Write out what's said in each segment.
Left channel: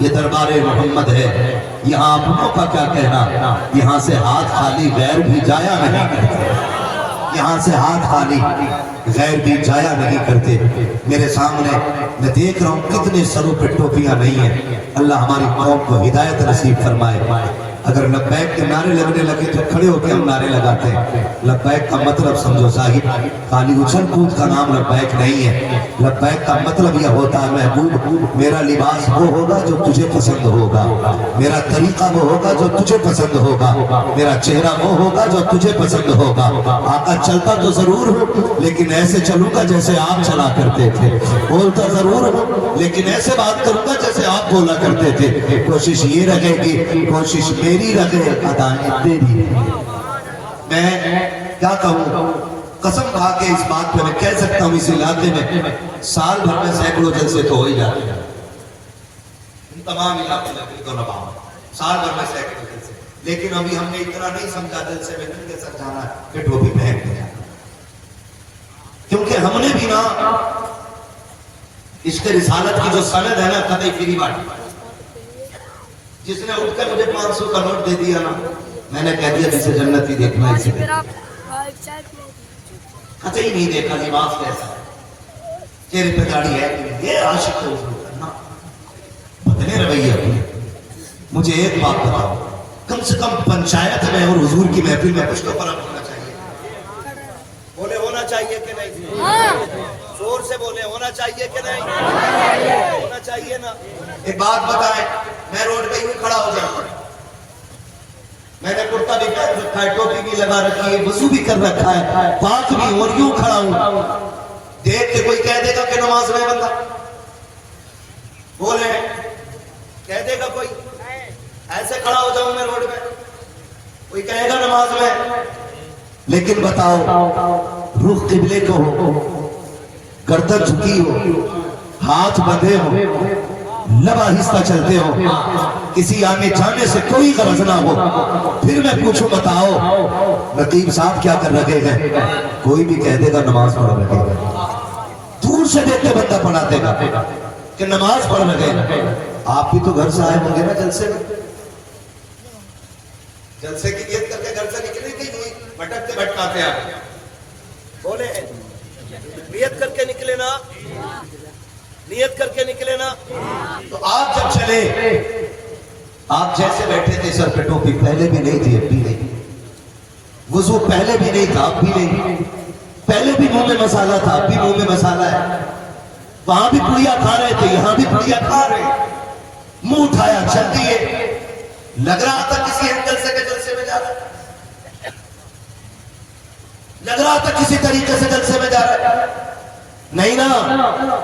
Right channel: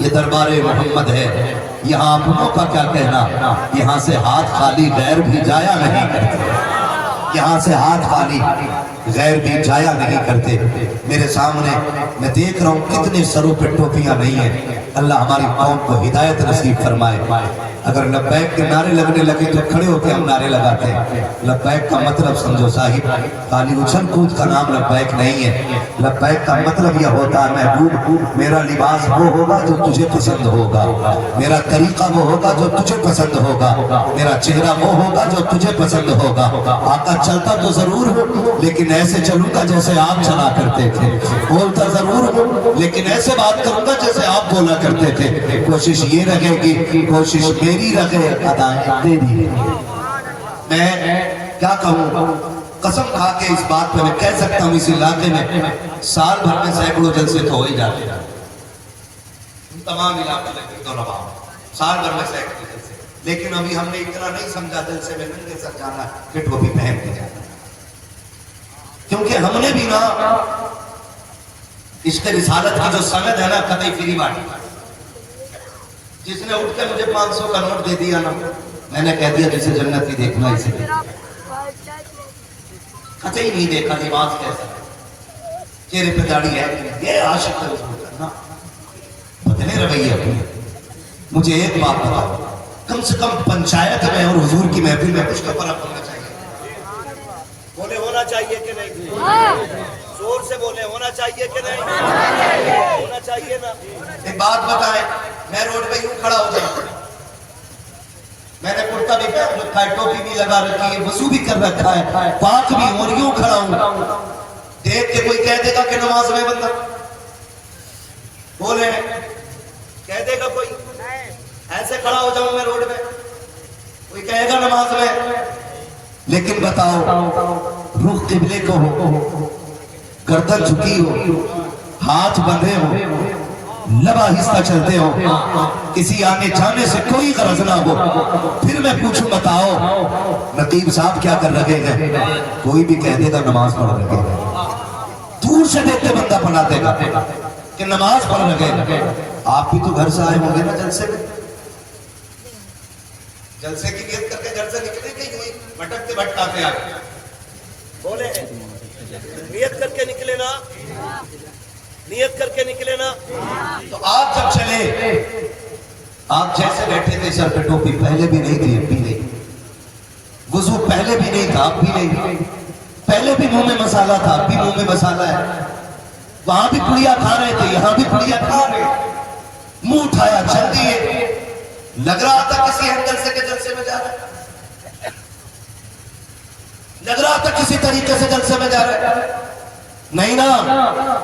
یہ دربار محمد ہے، یہاں اپنوں کا کیا کہنا، یہاں سے ہاتھ خالی غیر بھی جایا نہیں کرتے، یہاں سے ہاتھ خالی غیر بھی جایا نہیں کرتے۔ میرے سامنے میں دیکھ رہا ہوں کتنے سروں پہ ٹوپیاں نہیں ہیں، اللہ ہماری قوم کو ہدایت نصیب فرمائے۔ اگر لبیک کے نعرے لگنے لگے تو کھڑے ہو کے ہم نعرے لگاتے ہیں۔ لبیک کا مطلب سمجھو صاحب، خالی اچھل کود کا نام لبیک نہیں ہے۔ لبیک کا مطلب یہ ہوتا ہے محبوب میرا لباس وہ ہوگا جو تجھے پسند ہوگا، میرا طریقہ وہ ہوگا جو تجھے پسند ہوگا، میرا چہرہ وہ ہوگا جو تجھے پسند ہوگا۔ آقا چلتا تو ضرور ہوں لیکن ایسے چلوں گا جیسے آپ چلا کرتے تھے، بولتا ضرور ہوں لیکن ایسے بات کروں گا جیسے آپ بولا کرتے تھے۔ کوشش یہ رہے گی، کوشش میری رہے، ادائیں تیری۔ میں کیا کہوں، قسم کھا کے اس بات پہ میں کہہ سکتا ہوں اس علاقے میں سال بھر میں سینکڑوں جلسے تو ہو ہی جاتے ہیں، تمام علاقے میں تو نباؤ سال بھر میں سینکڑوں جلسے، لیکن ابھی ہم نے اتنا نہیں سمجھا جلسے میں ننگے سر جانا ہے کہ ٹوپی پہن کے جانا، کیونکہ ہم نے بھی نا عشق رسالت کی جو سند ہے نا قطعی فری بانٹی۔ جس نے اٹھ کر مجھے 500 کا نوٹ دے دیا نا، میں نے کہہ دیا جسے جنت بھی دیکھنا اسے دیکھنا، قطعی نہیں دیکھا لباس کیسا ہے، چہرے پہ داڑھی ہے، یہ عاشق ہے اس کو کرنا، بدلے رویے اپنے۔ مجھے ایک بات بتاؤ، کم سے کم پنچایت میں اور حضور کی محفل میں کچھ تو فرق ہونا چاہیے، بولے ہونا چاہیے کہ نہیں؟ زور سے بولے ہونا چاہیے کہ نہیں؟ ہونا چاہیے نا۔ ایک بات بتائیں، میں روڈ پہ یوں کھڑا ہو جاؤں، میں نے کرتا بھی پہن رکھا ہے، ٹوپی بھی لگا رکھی ہے، وضو بھی کر رکھا ہے، پاک بھی ہوں اور یوں کھڑا ہوں، دیکھ کے کوئی کہہ دے گا کہ نماز میں بندہ، بولے کہہ دے گا کوئی؟ ایسے کھڑا ہو جاؤں میں روڈ میں، کوئی کہے گا نماز میں؟ لیکن بتاؤ، رخ قبلے کو ہو، گردن جھکی ہو، ہاتھ بندھے ہو، لب آہستہ چلتے ہو، کسی آنے جانے سے کوئی غرض نہ ہو، پھر میں پوچھوں بتاؤ نقیب صاحب کیا کر رکھے گئے؟ کوئی بھی کہہ دے گا نماز پڑھ رکھے گا، دور سے دیکھتے بندہ پڑھاتے گا کہ نماز پڑھ رکھے گا۔ آپ بھی تو گھر سے آئے ہوں گے نا جلسے میں، جلسے کی نیت کر کے گھر سے نکلے کہ یوں ہی بھٹکتے بھٹکاتے آگے؟ بولے نیت کر کے نکلے نا، نیت کر کے نکلے نا۔ تو آپ جب چلے، آپ جیسے بیٹھے تھے سر پہ ٹوپی پہلے بھی نہیں تھی، اب بھی نہیں، وضو پہلے بھی نہیں تھا، اب بھی نہیں، پہلے بھی منہ میں مسالہ تھا، اب بھی منہ میں مسالہ ہے، وہاں بھی پڑیا کھا رہے تھے، یہاں بھی پڑیا کھا رہے، منہ اٹھایا چل دیے، لگ رہا تھا کسی اینگل سے کہ جلسے میں جا رہا ہے، لگ رہا تھا کسی طریقے سے جلسے میں جا رہا ہے، نہیں نا،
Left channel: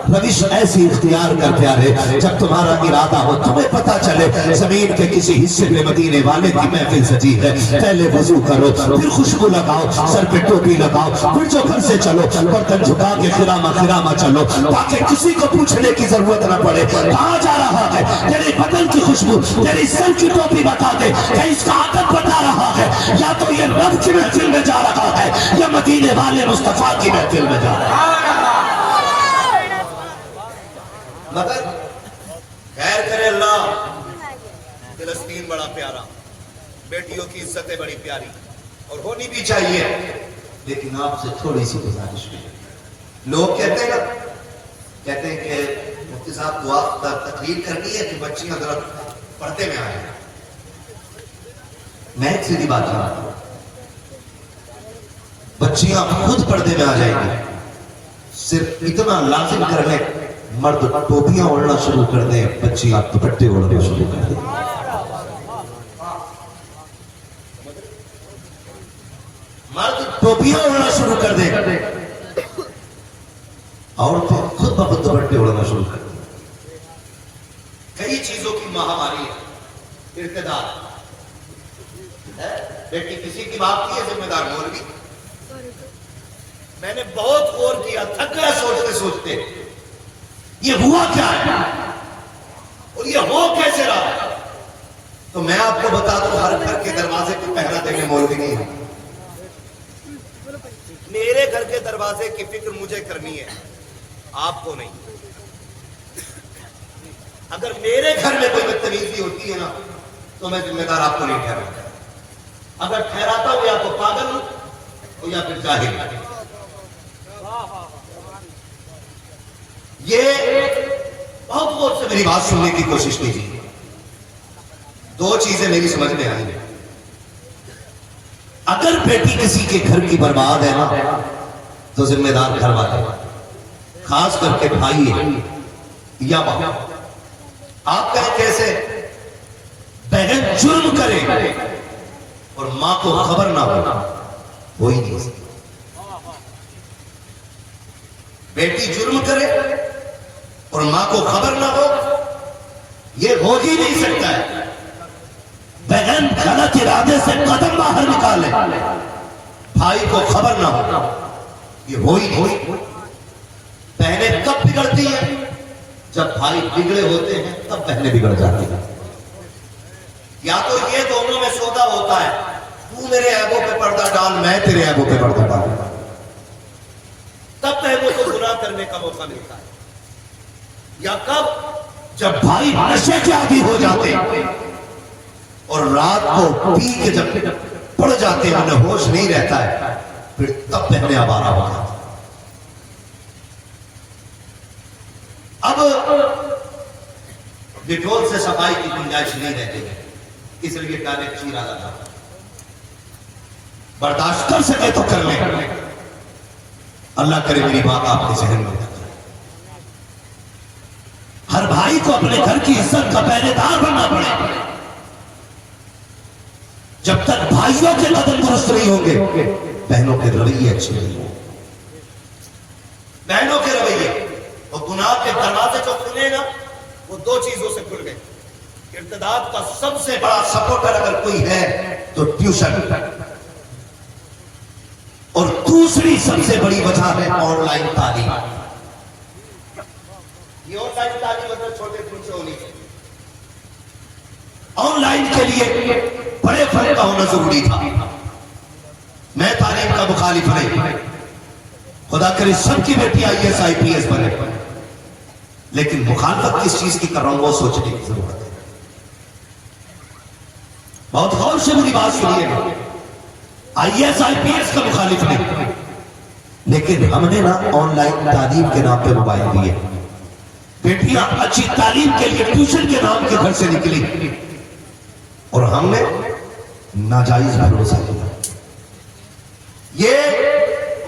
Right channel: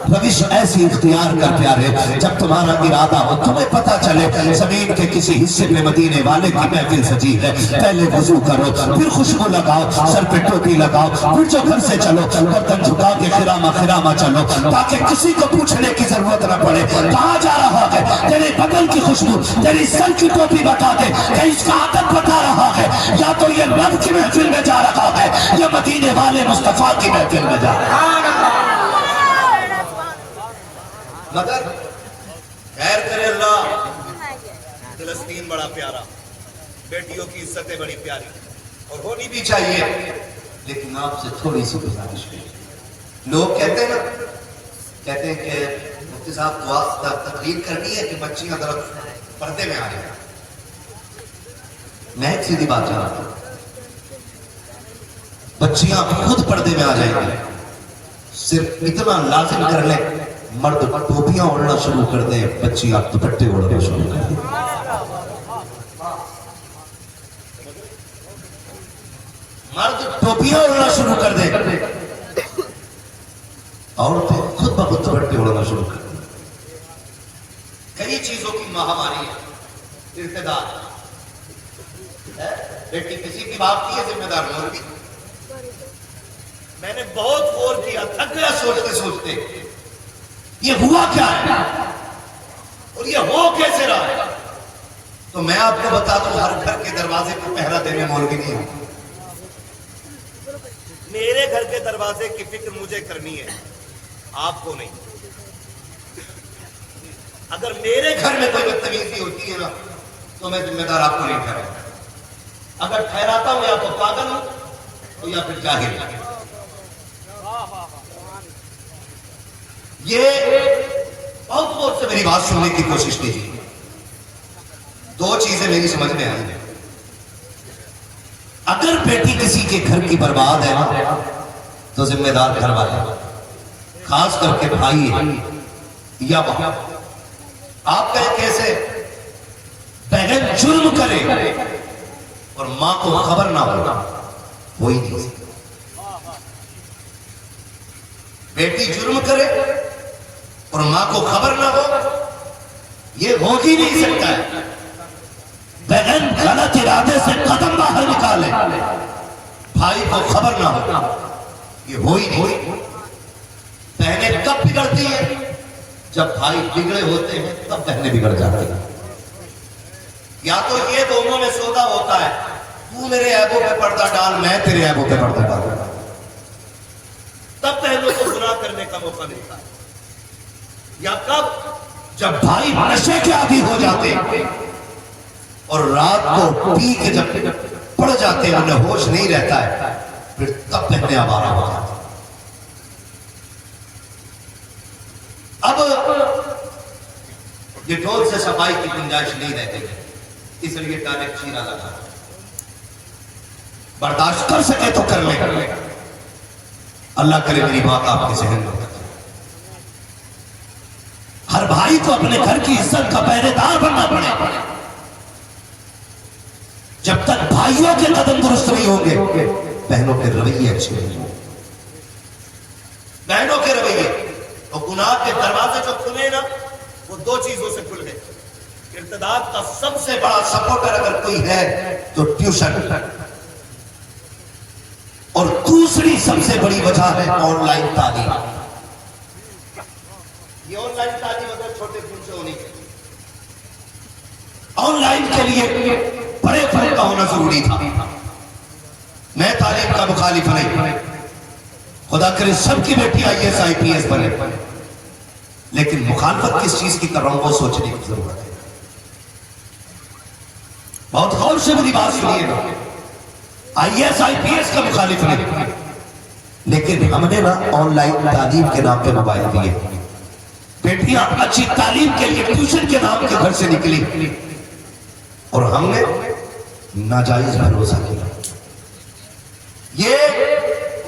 روش ایسی اختیار کر پیارے، جب تمہارا ارادہ ہو، تمہیں پتا چلے زمین کے کسی حصے میں مدینے والے کی محفل سجی ہے، پہلے وضو کرو، پھر خوشبو لگاؤ، سر پہ ٹوپی لگاؤ، پھر جو گھر سے چلو برتن جھکا کے خرامہ چلو، تاکہ کسی کو پوچھنے کی ضرورت نہ پڑے کہاں جا رہا ہے، تیرے بدن کی خوشبو تیری سر کی ٹوپی بتا دے کہ اس کا عادت بتا رہا ہے، یا تو یہ رب کی محفل میں جا رہا ہے یا مدینے والے مصطفیٰ کی محفل میں جا رہا ہے۔ مگر خیر کرے اللہ، فلسطین بڑا پیارا، بیٹیوں کی عزتیں بڑی پیاری اور ہونی بھی چاہیے، لیکن آپ سے تھوڑی سی گزارش ہے۔ لوگ کہتے ہیں نا، کہتے ہیں کہ مفتی صاحب دعا تقریر کرنی ہے کہ بچیاں ذرا پردے میں آ جائیں، میں ایک سیدھی بات چاہتا ہوں، بچیاں خود پردے میں آ جائیں گی، صرف اتنا لازم کر لیں مرد ٹوپیاں اوڑھنا شروع کر دیں، بچیاں دوپٹے اوڑھنا شروع کر دیں، مرد ٹوپیاں اوڑھنا شروع کر دیں، عورتیں خود بخود دوپٹے اوڑھنا شروع کر دیں۔ کئی چیزوں کی مہاماری ہے، ارتداد ہے، بیٹی کسی کی باپ کی ہے، ذمہ دار مولوی۔ میں نے بہت غور کیا، تھک گیا سوچتے سوچتے یہ ہوا کیا ہے اور یہ ہو کیسے رہا ہے۔ تو میں آپ کو بتا دوں، ہر گھر کے دروازے کو پہرا دینے مولوی نہیں ہے، میرے گھر کے دروازے کی فکر مجھے کرنی ہے، آپ کو نہیں۔ اگر میرے گھر میں کوئی بدتمیزی ہوتی ہے نا تو میں ذمہ دار آپ کو نہیں ٹھہراتا. اگر ٹھہراتا ہوں یا تو پاگل ہوں یا پھر جاہل. یہ بہت غور سے میری بات سننے کی کوشش کیجیے. دو چیزیں میری سمجھ میں آئی ہیں. اگر بیٹی کسی کے گھر کی برباد ہے نا تو ذمہ دار گھر والے, خاص کر کے بھائی ہے یا باپ. آپ کہیں کیسے؟ بہن جرم کرے اور ماں کو خبر نہ ہو ہی نہیں سکتی. بیٹی جرم کرے اور ماں کو خبر نہ ہو, یہ ہو ہی نہیں سکتا ہے. بہن غلط ارادے سے قدم باہر نکالے, بھائی کو خبر نہ ہو, یہ ہو ہی نہیں. بہنیں کب بگڑتی ہیں؟ جب بھائی بگڑے ہوتے ہیں تب بہنیں بگڑ جاتی ہیں. یا تو یہ دونوں میں سودا ہوتا ہے, تو میرے عیبوں پہ پردہ ڈال, میں تیرے عیبوں پہ پردہ ڈال, تب بہنوں کو گناہ کرنے کا موقع ملتا ہے. یا کب؟ جب بھائی نشے کے عادی ہو جاتے ہیں اور رات کو پی کے جب پڑ جاتے ہیں, انہیں ہوش نہیں رہتا ہے, پھر تب بہنیں آوارہ ہو جاتی. اب ڈیٹول سے صفائی کی گنجائش نہیں رہتی ہے, اس لیے ڈائریکٹ چیرا لگا. برداشت کر سکے تو کر لیں. اللہ کرے میری بات آپ کے ذہن میں. ہر بھائی کو اپنے گھر کی عزت کا پہرے دار بننا پڑے. جب تک بھائیوں کے قدم درست نہیں ہوں گے, بہنوں کے رویے اچھے نہیں ہوں گے. بہنوں کے رویے, وہ گناہ کے دروازے جو کھلے نا, وہ دو چیزوں سے کھل گئے. ارتداد کا سب سے بڑا سپورٹر اگر کوئی ہے تو ٹیوشن, اور دوسری سب سے بڑی وجہ ہے آن لائن تعلیم. یہ آن لائن تعلیم اگر چھوٹے خون سے ہونی چاہیے. آن لائن کے لیے بڑے فرق کا ہونا ضروری تھا. میں تعلیم کا مخالف نہیں, خدا کرے سب کی بیٹی IAS IPS بنے, لیکن مخالفت کس چیز کی کر رہا ہوں وہ سوچنے کی ضرورت ہے. بہت غور سے میری بات سنیے. IAS IPS کا مخالف نہیں, لیکن ہم نے نا آن لائن تعلیم کے نام پہ موبائل دیے. بیٹیاں اچھی تعلیم کے لیے ٹیوشن کے نام کے گھر سے نکلی اور ہم نے ناجائز بھروسہ کیا. یہ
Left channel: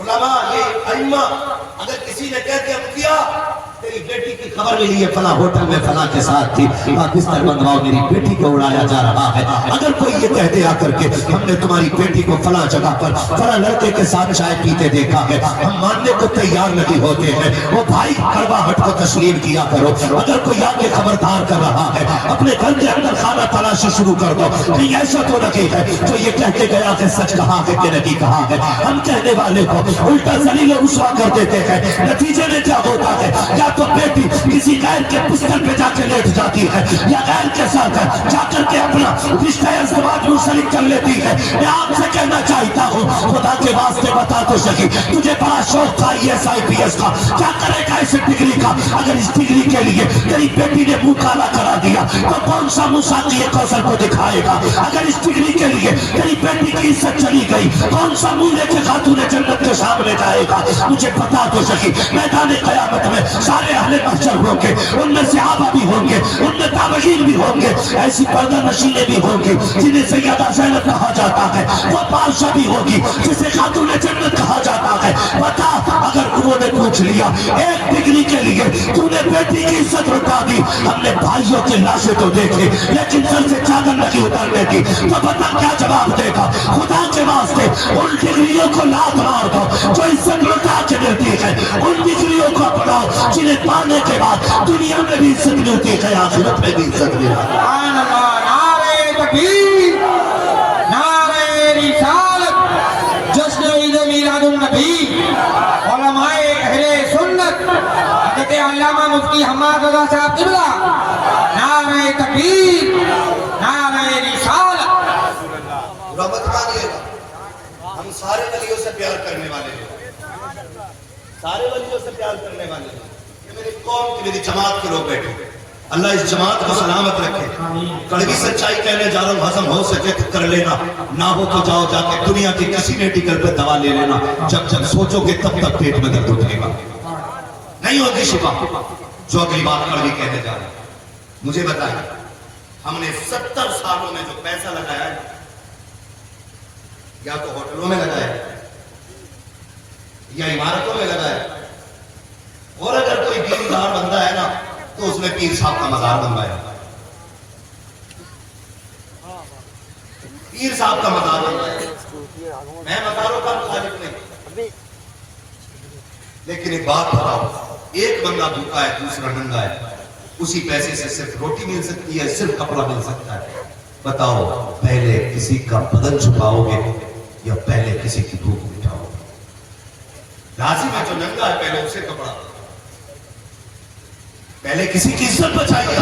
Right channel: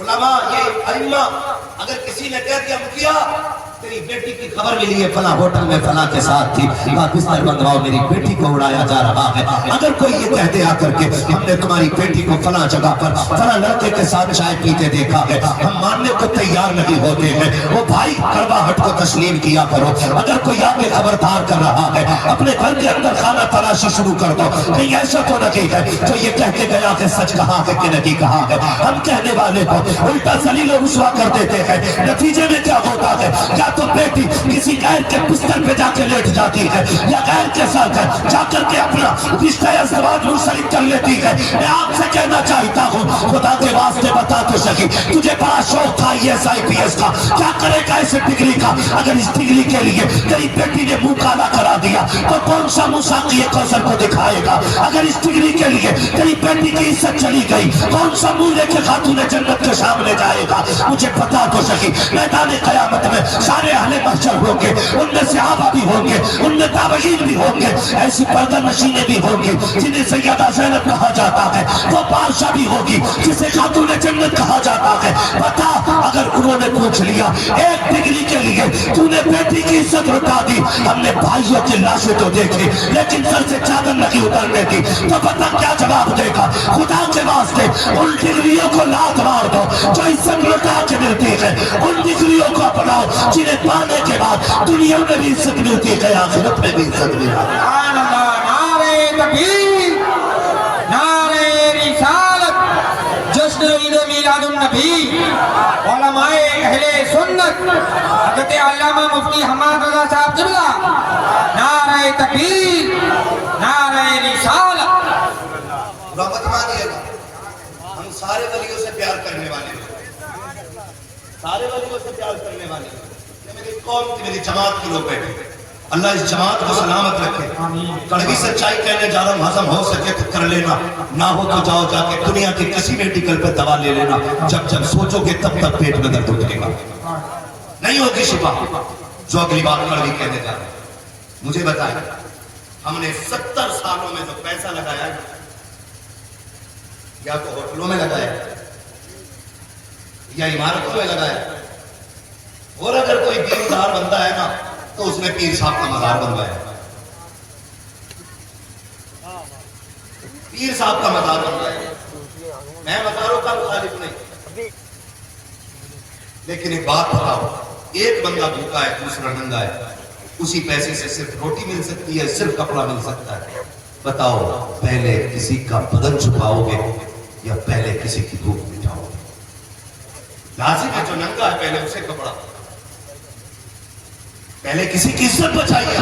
علماء, یہ ائمہ, اگر کسی نے کہہ دیا مکھیا تیری بیٹی کی خبر ملی ہے فلاں ہوٹل میں فلاں کے ساتھ تھی, بستر بندواؤ, میری بیٹی کو اڑایا جا رہا ہے. اگر کوئی یہ کہتے آ کر کے ہم نے تمہاری بیٹی کو فلاں جگہ پر فلاں لڑکے کے ساتھ چائے پیتے دیکھا ہے, ہم ماننے کو تیار نہیں ہوتے ہیں. وہ بھائی کڑواہٹ کو تسلیم کیا کرو. اگر کوئی آگے خبردار کر رہا ہے, اپنے گھر کے اندر خانہ تلاشی شروع کر دو. کہیں ایسا تو نہیں ہے تو یہ کہتے گیا کہ سچ کہا ہے کہ نہیں کہا ہے. ہم کہنے والے کو الٹا ذلیل و رسوا کر دیتے ہیں. نتیجے میں کیا ہوتا ہے؟ یا تو بیٹی کسی غیر کے بستر پہ جا کے لیٹ جاتی ہے, یا غیر کے ساتھ جا کر کے اپنا رشتہ ازدواج منسلک کر لیتی ہے. میں آپ سے کہنا چاہتا ہوں, خدا کے واسطے بتا تو سکی, تجھے بڑا شوق تھا IAS IPS کا, کیا کرے گا اس ڈگری کا؟ اگر اس ڈگری کے لیے تیری بیٹی نے منہ کالا کرا دیا تو کون سا مساقی کوثر کو دکھائے گا؟ اگر اس ڈگری کے لیے تیری بیٹی کی عزت چلی گئی, کون سا منہ لے کے خاتون جنت کے سامنے جائے گا؟ مجھے بتا تو سکی. میدان قیامت میں سارے اہل محشر ہوں گے, ان میں صحابہ بھی ہوں گے, ان میں تابعین بھی ہوں گے, ایسی پردہ نشینیں بھی ہوں گی جنہیں سیدہ زینب کہا جاتا ہے, وہ بادشاہ بھی ہوگی جسے خاتون جنت کہا جاتا ہے. بتا, اگر انہوں نے پوچھ لیا ایک ڈگری کے لیے تو نے بیٹی کی عزت لٹا دی, ہم نے بھائیوں کی لاشیں تو دیکھی لیکن سر سے چادر نہیں اترنے دی, تو پتہ کیا جواب دے گا؟ خدا کے واسطے ان ڈگریوں کو لات مار دو جو عزت لٹا کے دیتی ہے, ان ڈگریوں کو اپناؤ جنہیں پانے کے بعد دنیا میں بھی عزت ملتی ہے, آخرت میں بھی عزت ملتی ہے. نعرہ تکبیر, نعرہ رسالت, جشن عید میلاد النبی. علماء اہل سنت حضرت علامہ مفتی حماد رضا صاحب قبلہ, نعرہ تکبیر, نعرہ رسالت. رحمت مانیے گا, ہم سارے ولیوں سے پیار کرنے والے ہیں, سارے ولیوں سے پیار کرنے والے ہیں. میری قوم کی, میری جماعت کے لوگ بیٹھے, اللہ اس جماعت کو سلامت رکھے. کڑوی سچائی کہنے جا رہا ہوں, ہضم ہو سکے تو کر لینا, نہ ہو تو جاؤ جا کے دنیا کے کسی میڈیکل پہ دوا لے لینا. جب جب سوچو گے تب تک پیٹ میں درد اترے گا, نہیں ہوگی شفا. جو اگلی بات کڑوی کہنے جا رہے ہیں, مجھے بتائیں, ہم نے 70 سالوں میں جو پیسہ لگایا ہے, یا تو ہوٹلوں میں لگایا یا عمارتوں میں لگایا, اور اگر کوئی دیندار بندہ ہے نا تو اس نے پیر صاحب کا مزار بنوایا, پیر صاحب کا مزار بنوایا. میں مزاروں کا مخالف نہیں, لیکن ایک بات بتاؤ, ایک بندہ بھوکا ہے, دوسرا ننگا ہے, اسی پیسے سے صرف روٹی مل سکتی ہے, صرف کپڑا مل سکتا ہے. بتاؤ پہلے کسی کا بدن چھپاؤ گے یا پہلے کسی کی بھوک مٹاؤ گے؟ لازم ہے جو ننگا ہے پہلے اسے کپڑا, پہلے کسی کی عزت بچائیے.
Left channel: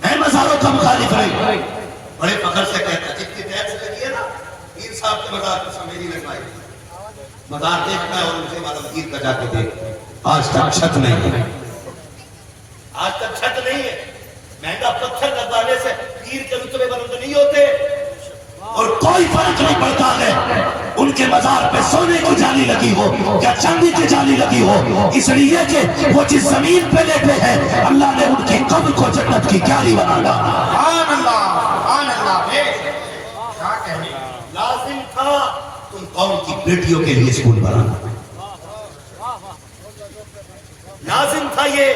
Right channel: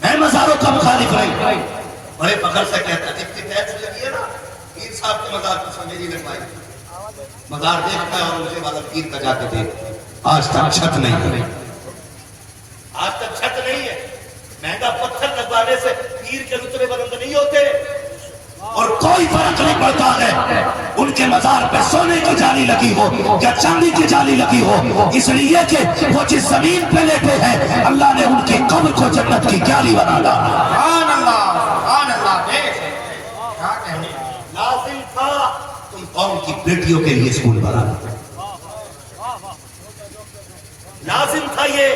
میں مزاروں کا مخالف نہیں, بڑے فخر سے کہتا جب کی ٹیکس لگی ہے نا, پیر صاحب کا مزار کچھ میری لگوائی, مزار دیکھتا ہے اور مجھے والا پیر کا جا کے دیکھ. آج تک چھت نہیں ہے, آج تک چھت نہیں ہے. مہنگا پتھر لگوانے سے پیر کے رتبے بلند نہیں ہوتے, اور کوئی فرق نہیں پڑتا ہے ان کے مزار پہ سونے کی جالی لگی ہو یا چاندی کی جالی لگی ہو, اس لیے کہ وہ جس زمین پہ لیٹے ہیں اللہ نے ان کی قبر کو جنت کی کیاری بنا ڈالا. سبحان اللہ, سبحان اللہ. کیا کہنے, لازم تھا تم قوم کی بیٹیوں کے لیے اسکول بنانا, لازم تھا یہ.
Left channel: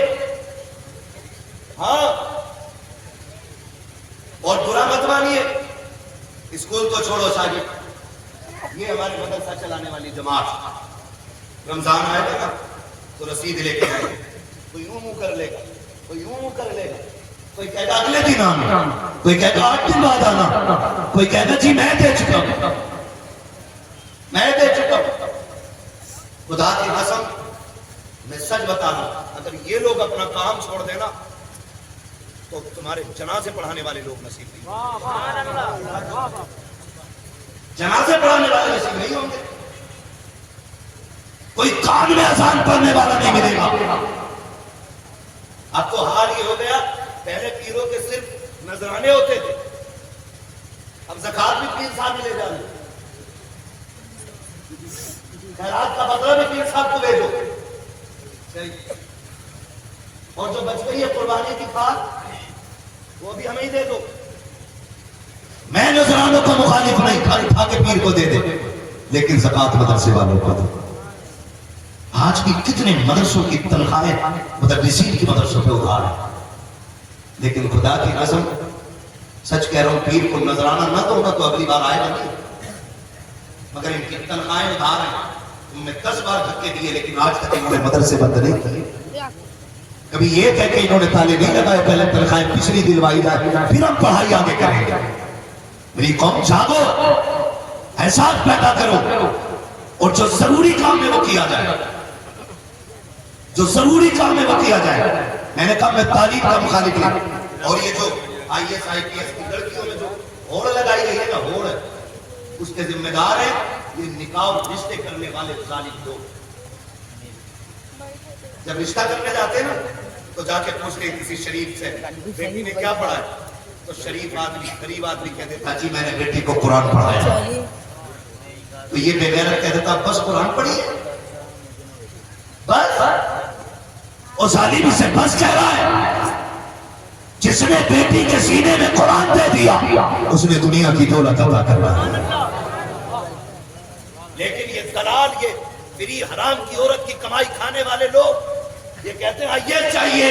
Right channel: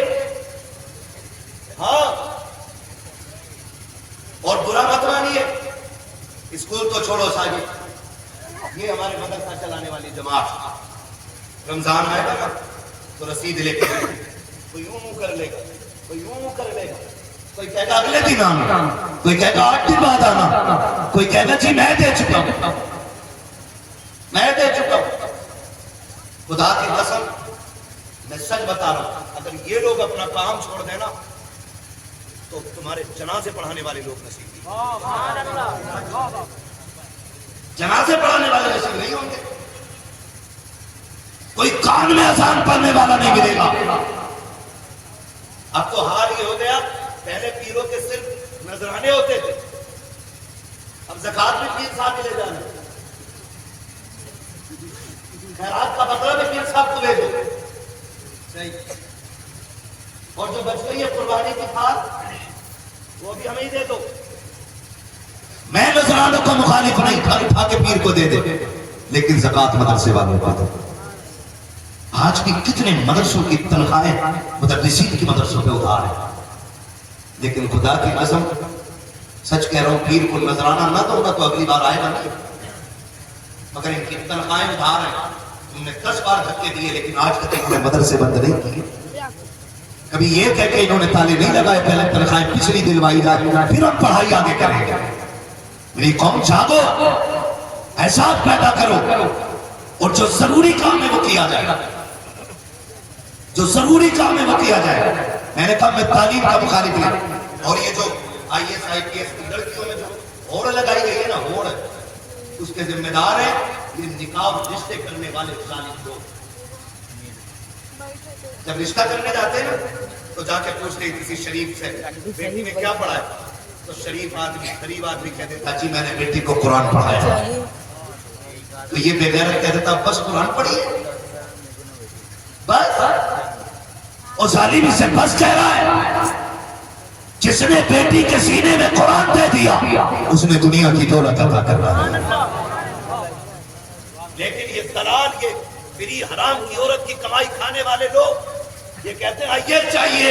ہاں, اور برا مت مانیے, اسکول کو چھوڑو ساجد, یہ ہمارے مدرسہ چلانے والی جماعت, رمضان آئے گا نا تو رسید لے کے جائیں گے, کوئی یوں منہ کر لے گا, کوئی یوں منہ کر لے گا, کوئی کہے گا اگلے دن آنا, کوئی کہے گا 8 دن بعد آنا, کوئی کہے گا جی میں دے چکا ہوں, میں دے چکا ہوں. خدا کی قسم میں سچ بتا رہا ہوں, اگر یہ لوگ اپنا کام چھوڑ دینا تو تمہارے جنازے پڑھانے والے لوگ نصیب نہیں, جنازے پڑھانے والے نصیب نہیں ہوں گے, کوئی کام میں اذان پڑھنے والا نہیں ملے گا. اب تو حال یہ ہو گیا, پہلے پیروں کے صرف نذرانے ہوتے تھے, اب زکات بھی پیر صاحب لے جانے, خیرات کا بدلہ بھی پیر صاحب کو بھیجو, اور جو بچ گئی ہے قربانی کی پھال وہ بھی ہمیں ہی دے دو. میں نذرانوں کا مخالف نہیں, کھا کے پیر کو دے دے, لیکن زکات مدرسے والوں کا دو. آج بھی کتنے مدرسوں کی تنخواہیں مدرسین کی مدرسوں پہ ادھار ہے, لیکن خدا کی قسم سچ کہہ رہا ہوں, پیر کو نذرانہ نہ دو تو اگلی بار آئے گا نہیں, مگر ان کی تنخواہیں ادھار ہیں. تم نے 10 بار دھکے دیے لیکن آج تک انہوں نے مدرسے بند نہیں کیے. کبھی یہ کہہ کے انہوں نے تالے نہیں لگائے پہلے تنخواہیں پچھلی دلوائی جائے پھر ہم پڑھائی آگے کریں گے. میری قوم جاگو, احساس پیدا کرو, اور جو ضروری کام میں وہ کیا جائے, جو ضروری کام میں وہ کیا جائے. میں نے کہا میں تعلیم کا مخالف نہیں, اور یہ جو IAS IPS کی لڑکیوں میں جو ہوڑ لگائی گئی ہے نا, ہوڑ, اس کے ذمہ دار ہیں یہ نکاح اور رشتے کرنے والے ظالم لوگ. جب رشتہ کرنے جاتے ہیں نا تو جا کے پوچھتے ہیں کسی شریف سے بیٹی نے کیا پڑھا ہے, تو شریف آدمی غریب آدمی کہہ دیتا جی میں نے بیٹی کو قرآن پڑھایا. تو یہ بے غیرت کہہ دیتا بس قرآن پڑھی ہے بس, اور ظالم سے بس کہہ رہا ہے. جس نے بیٹی کے سینے میں قرآن دے دیا اس نے دنیا کی دولت عطا کر رہا ہے. لیکن یہ دلال, یہ فری حرام کی عورت کی کمائی کھانے والے لوگ یہ کہتے ہیں یہ چاہیے,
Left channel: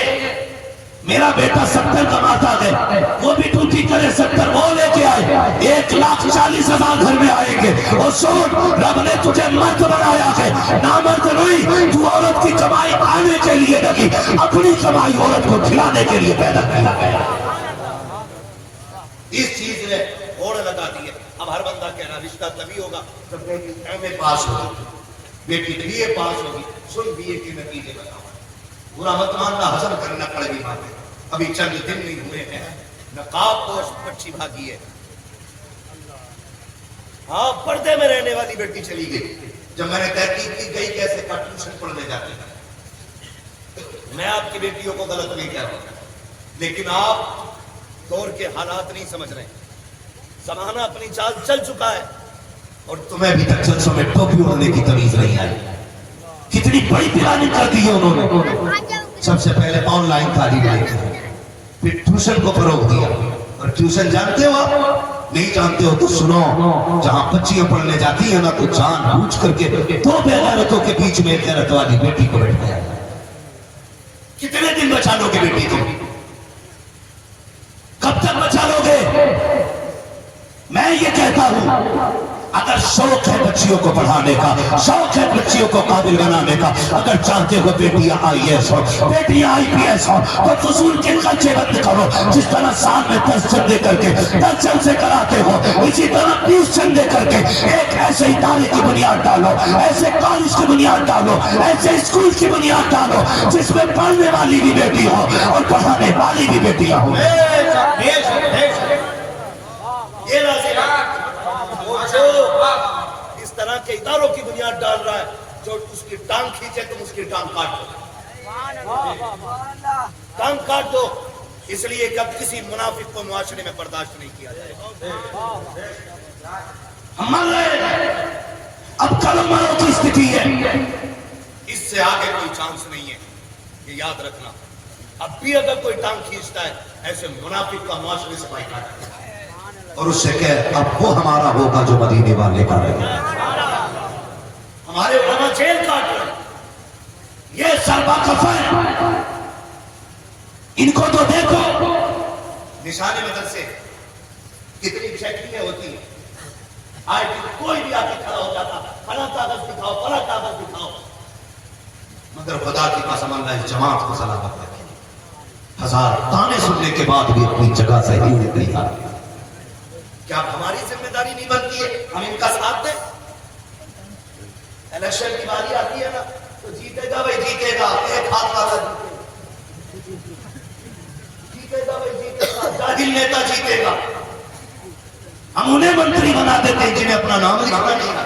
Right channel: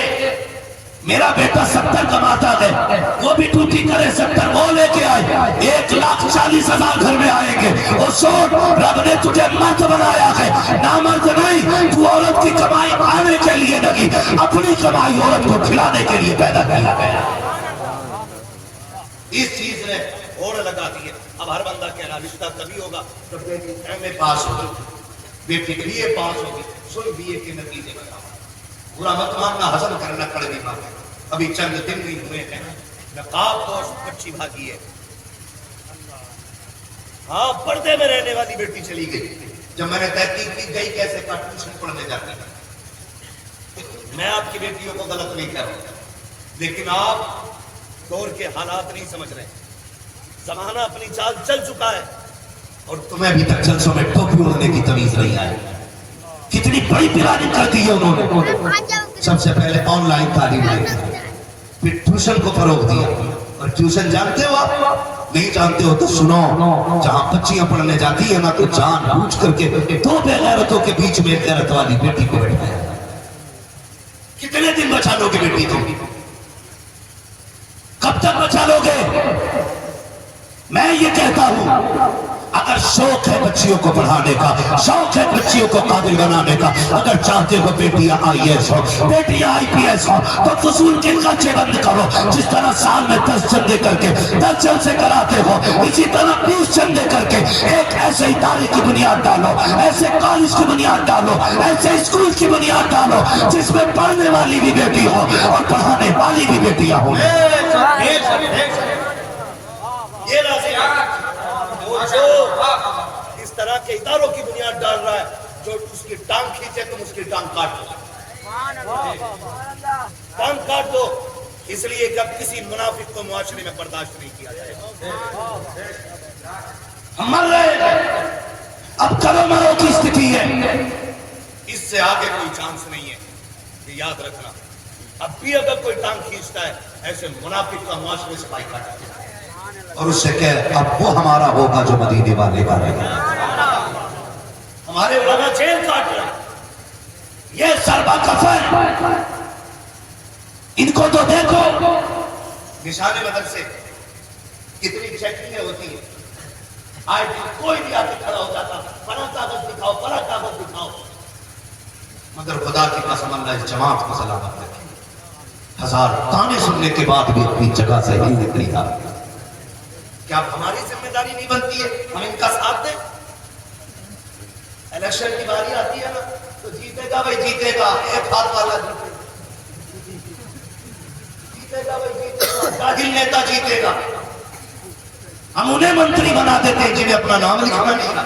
میرا بیٹا 70 کماتا ہے, وہ بھی ٹوٹی کرے 70 وہ لے کے آئے, 1,40,000 گھر میں آئیں گے. اور سوچ, رب نے تجھے مرد بنایا ہے, نامرد نہیں. تو عورت کی کمائی کھانے کے لیے لگی, اپنی کمائی عورت کو کھلانے کے لیے پیدا کیا گیا. اس چیز نے ہوڑ لگا دی ہے. اب ہر بندہ کہہ رہا رشتہ تبھی ہوگا جب بیٹی ایم اے پاس ہوگی, بیٹی بی اے پاس ہوگی. سن بی اے کے نتیجے بتاؤ, برا مت ماننا, ہضم کرنا پڑے گی بات ہے. ابھی چند دن نہیں ہوئے ہیں, نقاب پوش بچی بھاگی ہے. ہاں, پردے میں رہنے والی بیٹی چلی گئی. جب میں نے تحقیق کی گئی کیسے کا ٹیوشن پڑھنے جاتی ہے. میں آپ کی بیٹیوں کو غلط نہیں کہہ رہا ہوں, لیکن آپ دور کے حالات نہیں سمجھ رہے. زمانہ اپنی چال چل چکا ہے اور تمہیں ابھی تک جلسوں میں ٹوپی ہونے کی تمیز نہیں آئی. کتنی بڑی پلاننگ کر دی ہے انہوں نے. سب سے پہلے آن لائن تعلیم دی, پھر ٹیوشن کو فروغ دیا. اور ٹیوشن جانتے ہو آپ؟ نہیں جانتے ہو تو سنو. جہاں بچیاں پڑھنے جاتی ہیں نا تو جان بوجھ کر کے دو بے غیرتوں کے بیچ میں ایک غیرت والی بیٹی کو بیٹھایا. کتنے دن بچا لو گے بیٹی کو؟ کب تک بچا لو گے؟ میں یہ کہتا ہوں اگر شوق ہے بچیوں کو پڑھانے کا, شوق ہے بچیوں کو قابل بنانے کا, اگر چاہتے ہو بیٹیاں IAS ہو, بیٹیاں IPS ہو, تو فضول کے خرچے بند کرو. جس طرح سال میں 10 چندے کر کے 10 جلسے کراتے ہو, اسی طرح 20 چندے کر کے ایک ایسے ادارے کی بنیاد ڈالو, ایسے کالج کی بنیاد ڈالو, ایسے اسکول کی بنیاد ڈالو جس میں پڑھنے والی بھی بیٹی ہو اور پڑھانے والی بھی بیٹیاں ہوں. یہ لازم ہے. وہ جو اس طرح کے اداروں کی بنیاد ڈال رہا ہے, جو اس کی ٹانگ کھینچے تم اس کی ٹانگ کاٹ دو, ٹانگ کاٹ دو. اس لیے کہ اب کسی منافق کو معاشرے میں برداشت نہیں کیا جائے گا. ہم مر رہے ہیں, اب کرو مرو کی استھتی ہے. اس سے آگے کوئی چانس نہیں ہے, یہ یاد رکھنا. اب بھی اگر کوئی ٹانگ کھینچتا ہے ایسے منافق کا معاشرے سے بائیکاٹ کرنا. اور اس سے کہ اب وہ ہمارا ہوگا جو مدینے والے کا رہے. ہمارے علماء جیل کاٹ رہے ہیں. یہ سربا کفن, ان کو تو دیکھو. نشان مدرسے کتنی چیکنگیں ہوتی ہیں. آج کوئی بھی آ کے کھڑا ہو جاتا, فلاں کاغذ دکھاؤ, فلاں کاغذ دکھاؤ. مگر خدا کی قسم اللہ اس جماعت کو سلامت رکھے. 1000 تانے سننے کے بعد بھی اپنی جگہ سے ہی نکلی آ. کیا اب ہماری ذمہ داری نہیں بنتی ہے ہم ان کا ساتھ دیں؟ الیکشن کی باری آتی ہے نا تو جیتے گا بھائی جیتے گا, ایک ہاتھ والا جیتے گا بھائی جیتے گا, جاہل نیتا جیتے گا. ہم انہیں منتری بنا دیتے ہیں جنہیں اپنا نام لکھنا نہیں آتا.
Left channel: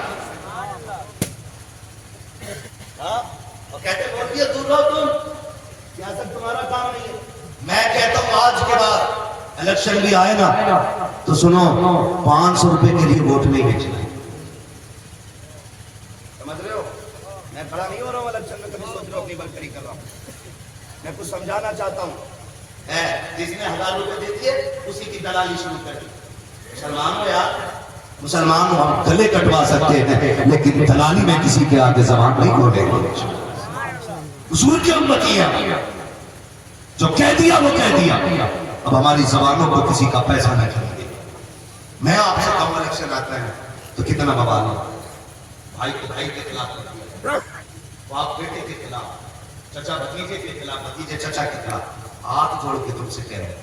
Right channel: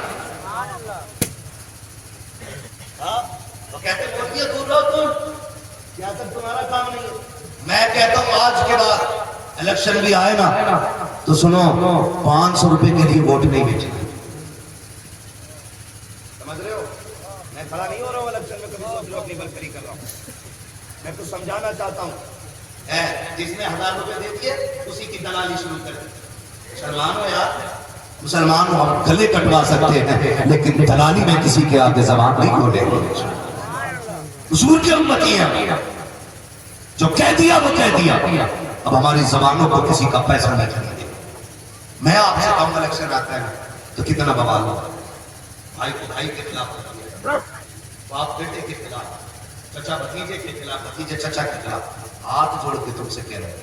ہاں, وہ کہتے ہیں ووٹ دیے دور رہو تم, سیاست تمہارا کام نہیں ہے. میں کہتا ہوں آج کے بعد الیکشن بھی آئے نا تو سنو, 500 روپے کے لیے ووٹ نہیں بیچنا. سمجھ رہے ہو؟ میں کھڑا نہیں ہو رہا ہوں الیکشن میں, کبھی سوچ رہا ہوں اپنی بلکری کر رہا ہوں. میں کچھ سمجھانا چاہتا ہوں. جس نے 1000 روپے دے دیے اسی کی دلالی شروع کر دی. مسلمان ہو یار, مسلمان ہو, ہم گلے کٹوا سکتے ہیں لیکن دلالی میں کسی کے آگے زبان نہیں کھولیں گے. حضور کی امتی ہے, جو کہہ دیا وہ کہہ دیا. اب ہماری زبانوں کو کسی کا پیسہ نہ خریدے. میں آپ سے کہوں الیکشن آتا ہے تو کتنا بوال ہو. بھائی کو بھائی کے خلاف کر دیا, باپ بیٹے کے خلاف, چچا بھتیجے کے خلاف, بھتیجے چچا کے خلاف. ہاتھ جوڑ کے تم سے کہہ رہے ہیں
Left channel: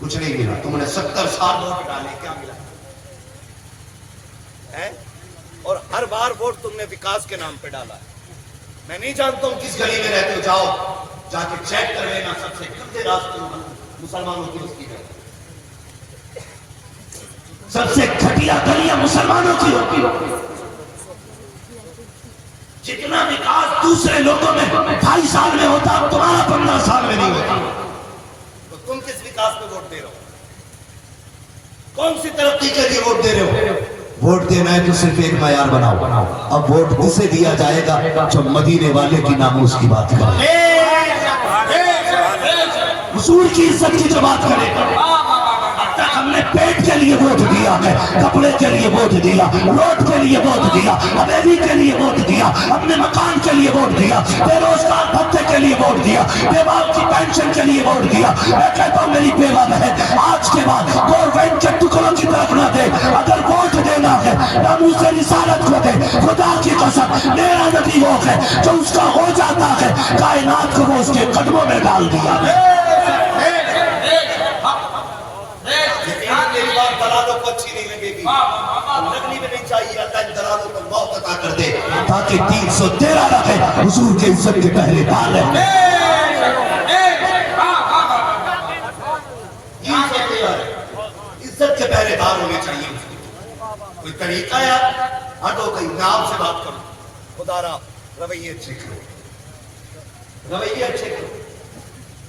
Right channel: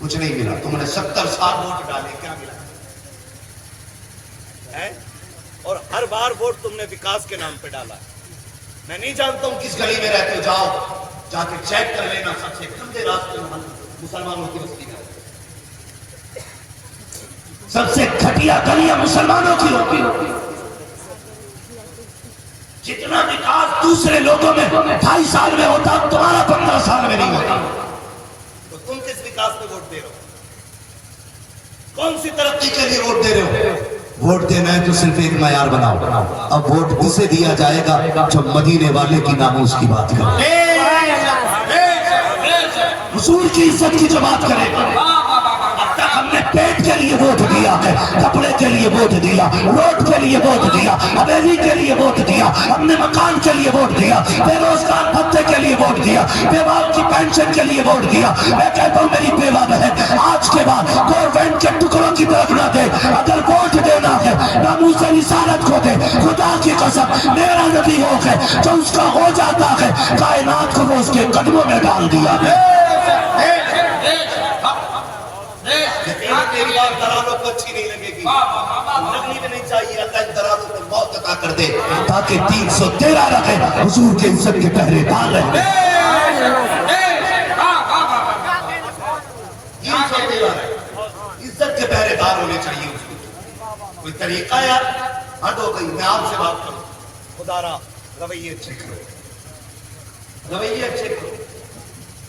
کچھ نہیں ملا. تم نے 70 سال ووٹ ڈالے, کیا ملا ہے؟ اور ہر بار ووٹ تم نے وکاس کے نام پہ ڈالا ہے. میں نہیں جانتا ہوں کس گلی میں رہتے ہو, جاؤ جا کے چیک کر لینا. سب سے گندے راستے مسلمانوں کی بستی ہے, سب سے گھٹیا گلیاں مسلمانوں کی ہوتی. جتنا وکاس دوسرے لوگوں میں 2.5 سال میں ہوتا تمہارا 15 سال میں نہیں ہوتا. تو تم کس وکاس پہ ووٹ دے رہے ہو؟ کون سی ترقی کے لیے ووٹ دے رہے ہو؟ ووٹ دینا ہے تو صرف ایک معیار بناؤ. اب ووٹ اسے دیا جائے گا جو مدینے والے کی ناموس کی بات کرے, حضور کی عزت کی جو بات کرے. اب تک ہم نے پیٹ کے لیے ووٹ دیا ہے, کپڑے کے لیے ووٹ دیا, روڈ کے لیے ووٹ دیا, حویلی کے لیے ووٹ دیا, ہم نے مکان کے لیے ووٹ دیا, بے روزگار بھتے کے لیے ووٹ دیا, بیوہ کی پینشن کے لیے ووٹ دیا. میں کہتا ہوں میری بیوہ بہن آج کے بعد گورنمنٹ کے ٹکڑوں کی طرف نہ دے. اگر ووٹ دینا ہے ناموس رسالت کو دے. خدا کی قسم میرا نبی وہ ہے جو اس کا ہو جاتا ہے کائنات کو وہ اس کے قدموں میں ڈال دیا ہے. میری بات دلالوں کو اچھی نہیں لگے گی, لگنی بھی نہیں چاہیے. اللہ ان دلالوں کو موت عطا کر دے تاکہ 313 رہے حضور کے عزت کے پہرے دار رہے. 313 عزت کے پہرے دار ہونے چاہیے اس کو. کوئی طریقہ ہے ہاں تو کہیں میں آپ سے بات کروں, خدا را رویے اچھے کرو, رویے اچھے کرو.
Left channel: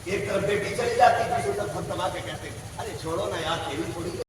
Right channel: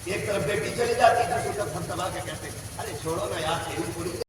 ایک طرف بیٹی چلی جاتی دوسری طرف ہم دبا کے کہتے ارے چھوڑو نا یار تیری تھوڑی